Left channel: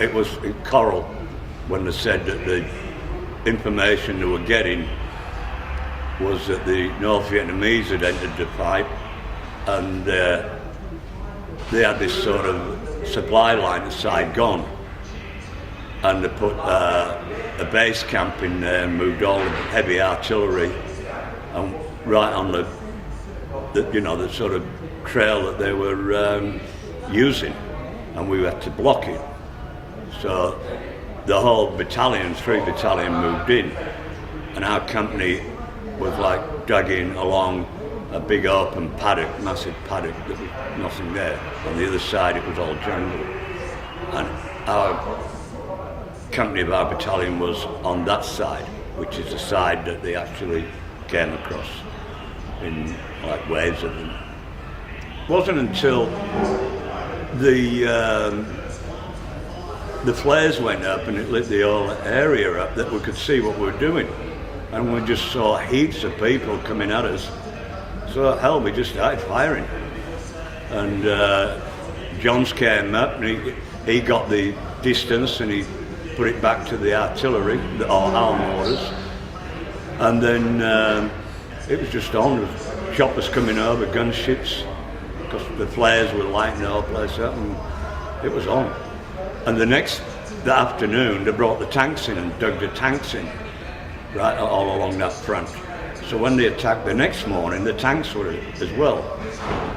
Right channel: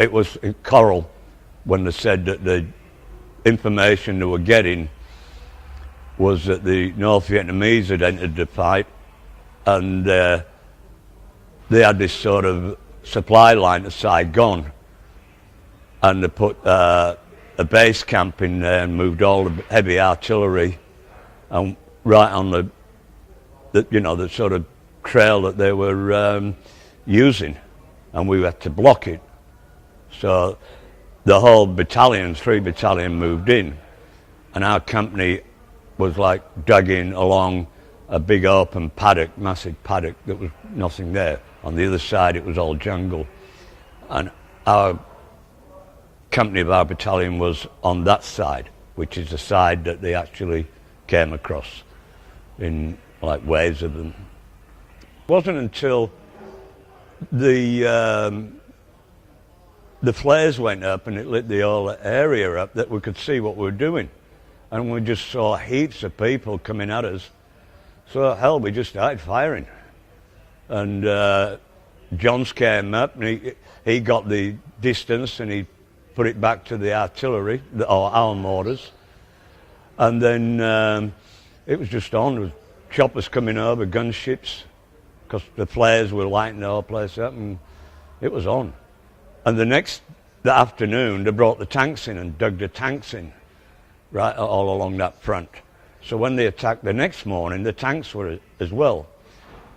it was in Coral when they said that the information they were getting was that the North Vietnamese had entered the fight, and they had this sort of supply line to Saigon, and they put a base camp in there and moved all the heavy artillery and right on the sort of trail that they were using, and we had to block it. So the whole battalion, 3 battalion, moved in, and our company was like dragging along a big open paddock, massive paddock, that was nothing there. On the other side it was all jungle, and our company of our battalion was on that side, which is the side that they actually came across in like waves of them. It wasn't until the flares went up and it lit the whole area up that we could see what we were doing, and we just saw heaps of people coming at us. So hell, we just started firing, and Johns came up and he got the distance and he put it back to the artillery, our mortars, and then it was just on. Choppers coming over, gunships, because the flares were lighting the whole place up, and it was on. And the afternoon, they brought the tanks in and dug the tanks in, right all along that front. So when they attacked the next morning, the tanks were as well.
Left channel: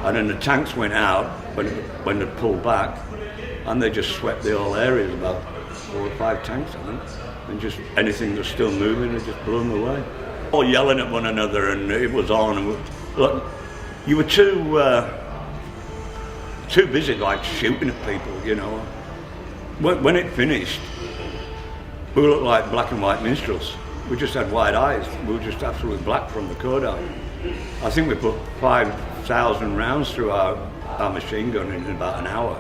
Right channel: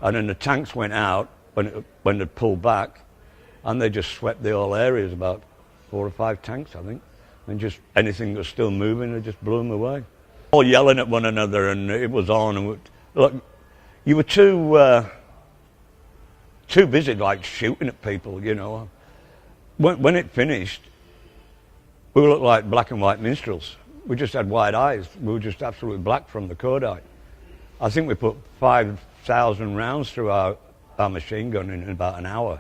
And then the tanks went out when they pulled back, and they just swept the whole area, about 4 or 5 tanks, I think. And just anything that was still moving, they just blew them away. All yelling at one another, and it was on. And look, you were too busy like shooting at people, you know. When it finished, we looked like black and white minstrels. We just had white eyes. We were just absolutely black from the Kodak. I think we put 5,000 rounds through our machine gun in about an hour.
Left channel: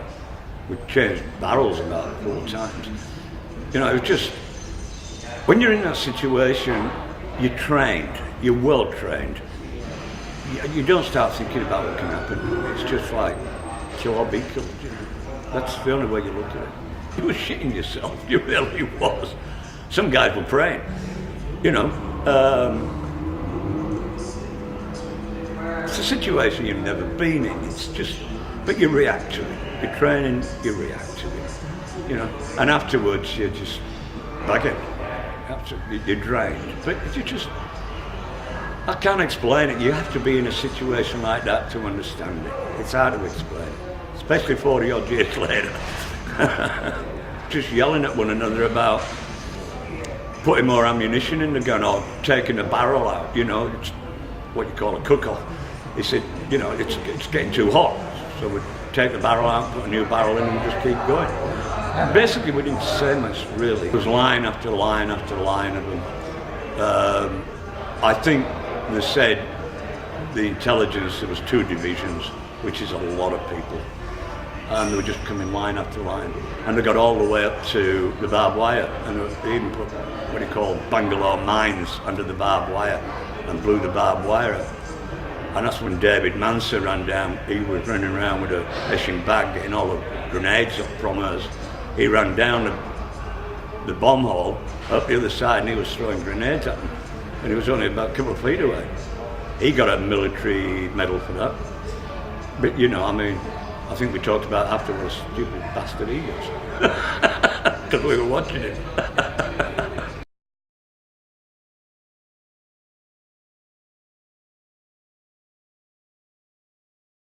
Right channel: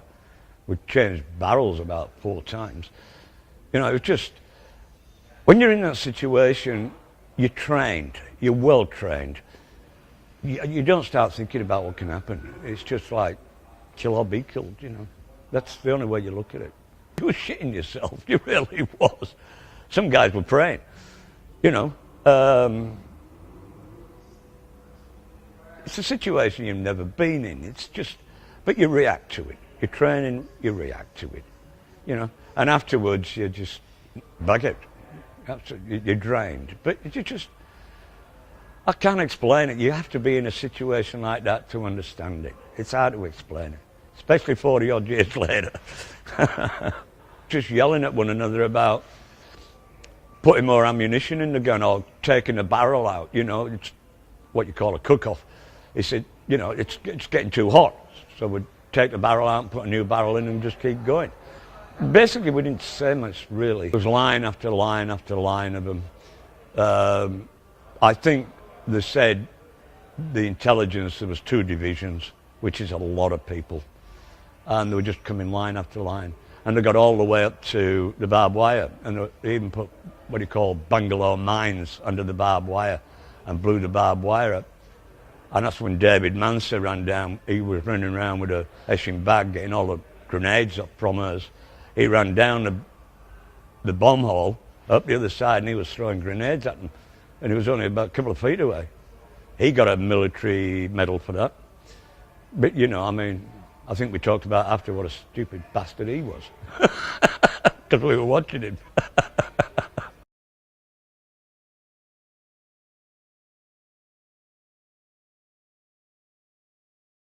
We changed barrels about 4 times. You know, it was just, when you're in that situation, you're trained, you're well trained. You don't start thinking about what can happen. It's just like, kill or be killed. You know? That's the only way you look at it. You were shitting yourself, you really was. Some guys were praying, you know. It's a situation you've never been in. It's just, but you react to it. You're training, you react to it, you know. And afterwards, you're just buggered. You're drained. But you just, I can't explain it. You have to be in a situation like that to understand it. It's hard to explain, especially 40 odd years later. Just yelling at one another about putting more ammunition in the gun or taking the barrel out, you know. It's what you call a cook-off. He said, you know, it's getting too hot, so we'd take the barrel out, put a new barrel in, and just keep going. Basically, we didn't say much, really. It was line after line after line of them. I think they said the intelligence, there was 2 divisions, which is a lot of people. And they were just coming line after line. And they got all the way up to the barbed wire, and they even put what you call bungalow mines under the barbed wire and blew the barbed wire up. And that's when David Manser ran down. He was running around with a hessian bag getting all the grenades up from us. He ran down the bomb hole up the other side, and he was throwing grenades at them. And he was only about a couple of feet away. He got a military medal for that. But you know, I mean, I think we talked about after what a stupid bastard he was. Because we were watching him.